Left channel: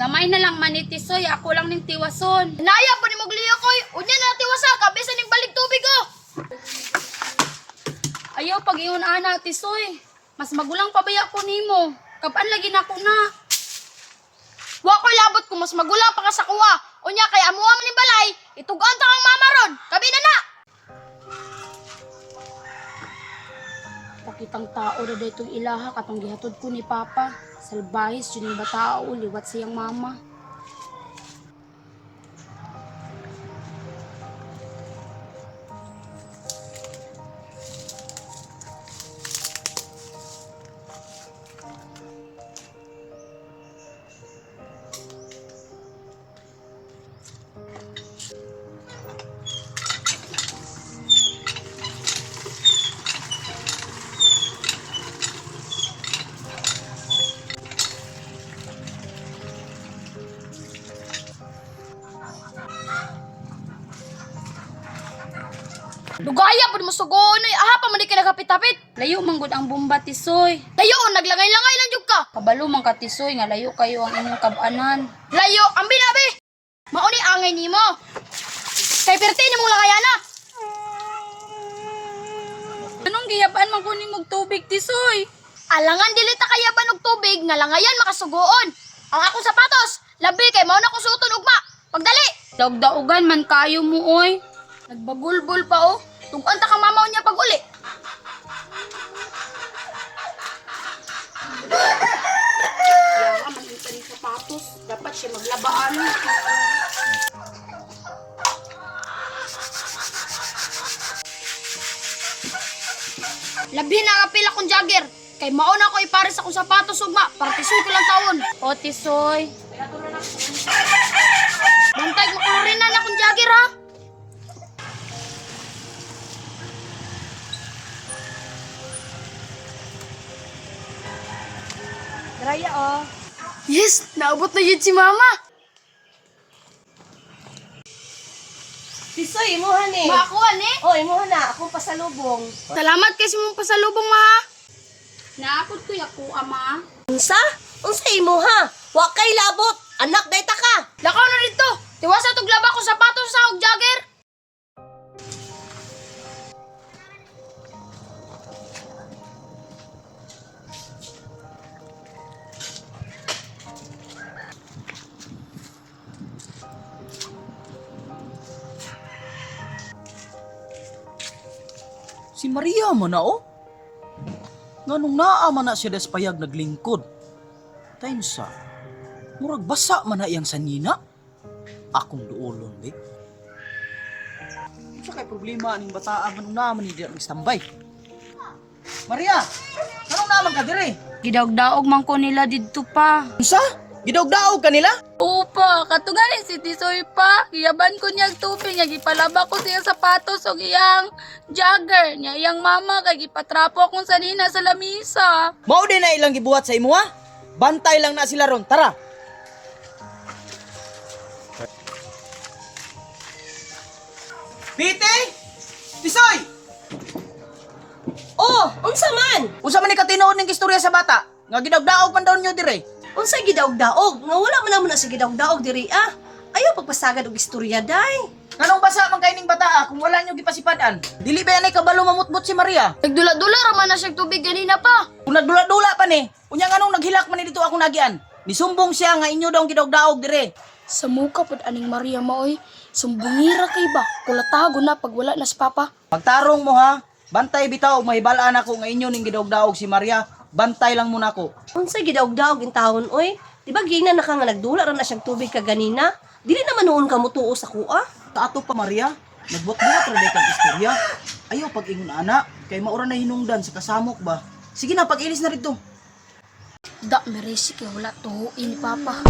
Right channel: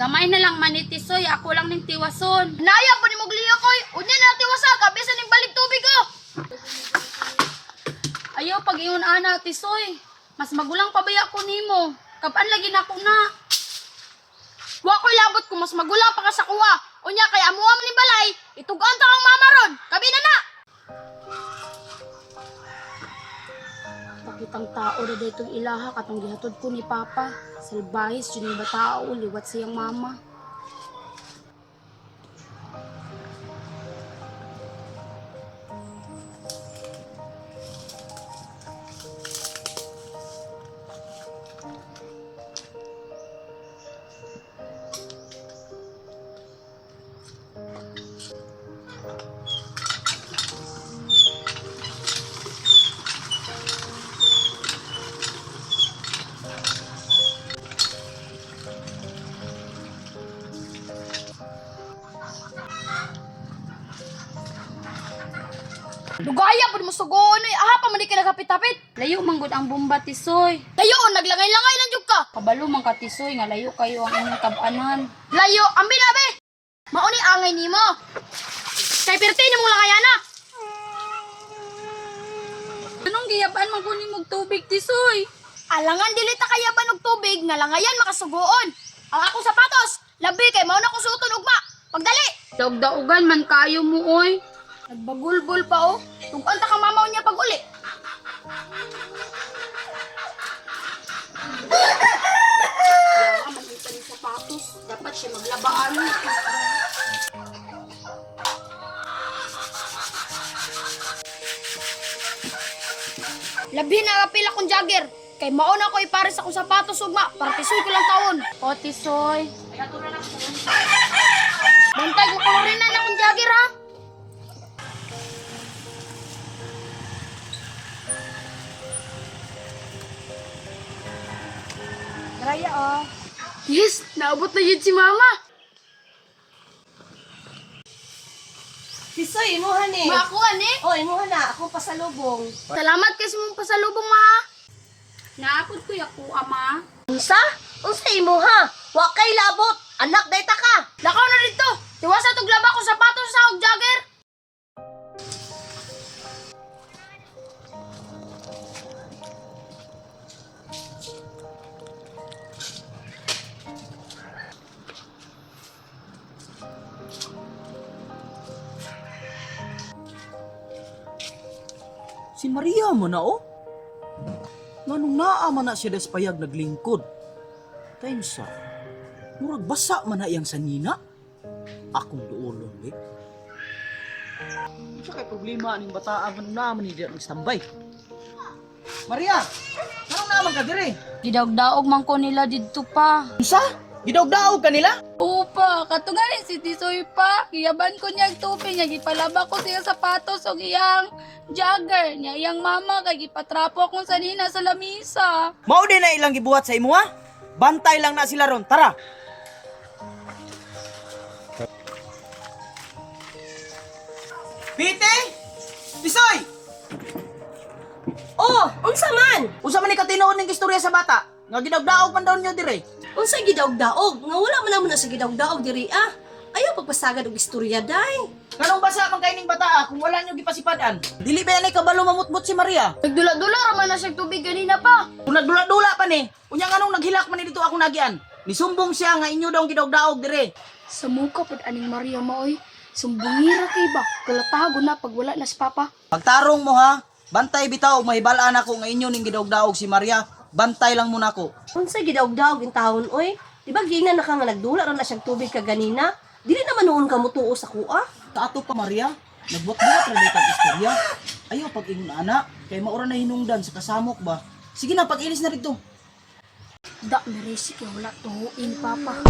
Gamay na lang manitisoy, ako lang ning tiwason. Naya pa ni Mogliya koy. Unya na tiwasa kabisa ning balik tubig oh. Ayaw pag-ingon ana tisoy. Mas magulang pa ba ako nimo? Kapan lagi na ako na. Wa koy labot ko mas magulang pa ka sa kuha. Unya kay amuha man ni balay, itugan ta kang mama ron. Kabi na na. Pakitang tao na dito ilaha katong gihatod ko ni Papa. Salbahis yun yung batao, liwat siyang mama. Lugaya pud mo sugon oy. Aha pa man di ka nagapit-apit. Layo manggod ang bomba tisoy. Layo naglangay-langay lang jud ka. Kabalo man ka tisoy nga layo kayo ang inyong kabanan. Layo ambi na be. Mauni angay nimo. Kay perti nimo langayana. Anong giyabaan man kunin mog tubig tisoy? Alangan dili ta kayaban og tubig nga langayan makasugoon. Ang akong sapatos, labi kay mao na ko suoton ugma. Pagdali. Daog-daogan man kayo mo oy. Nagbagulbol pa oh. Tugan ta kang mamaw niya pag uli. Kaya man ito ni sapatos. Dapat siya maglabaan. Labi na kapil akong jogger. Kay mauna ko ipares akong sapatos ugma para tisoy ko lang tawon. O tisoy. Bantag makolorin na akong jogger ha. Raya oh. Yes, naabot na yun si mama. Tisoy, imuhan eh. Makuha ni. Oh, imuhan na. Ako pasalubong. Salamat kasi mong pasalubong ma. Naapod ko yaku ama. Unsa? Unsa imuha? Wa kay labot. Anak dayta ka. Lakaw na dito. Tiwasa tog laba ko sapatos sa og jogger. Si Maria man na oh. Nganong naa man na siya despayag naglingkod. Time sa, murag basa man na iyang sanina. Akong duolon, be. Sa kay problema ning bataan man naman ni diya nagstambay. Maria, nganong naman ka dire? Gidaog-daog man ko nila didto pa. Unsa? Gidawg-daog kanila? Upa, katugali si Tisoy pa. Giyaban ko niyag tubig niya, gipalaba ko siya sapatos o iyang jogger niya. Iyang mama kay gipatrapo akong sanina sa lamisa. Mao din na ilang gibuhat sa imo ha? Bantay lang na sila ron. Tara. Pite! Tisoy! Oh, unsa man? Unsa man ni katinood ning istorya sa bata? Nga gidawg-daog man daw niyo dire. Unsa gidaog-daog? Nga wala man naman na sa gidaog-daog diri ah. Ayaw pagpasagad og istorya day. Kanong basa man kay ning bata kung wala niyo gipasipadan? Dili ba yanay kabalo mamutbot si Maria? Nagdula-dula raman na siya tubig kanina pa. Kung nagdula-dula pa ni, unya nganong naghilak man ni dito ako nagian. Nisumbong siya nga inyo daw gidawg-daog dire. Sa muka pod aning Maria maoy. Sumbungira kay ba? Kulatago na pag wala na si Papa. Pagtarong mo ha, bantay bitaw mahibalaan ako nga inyo ning gidawg-daog si Maria. Bantay lang muna ko. Unsa gidaog-daog in taon oy? Di ba gina na ka nga nagdula ra na siyang tubig kaganina? Dili naman noon ka mutuo sa kuha. Taato pa Maria, nagbuhat-buhat ra day kag istorya. Ayaw pag-ingon ana, kay maura na hinungdan sa kasamok ba. Sige na, pag-ilis na rito. Da meresi kay wala tuhuin Papa.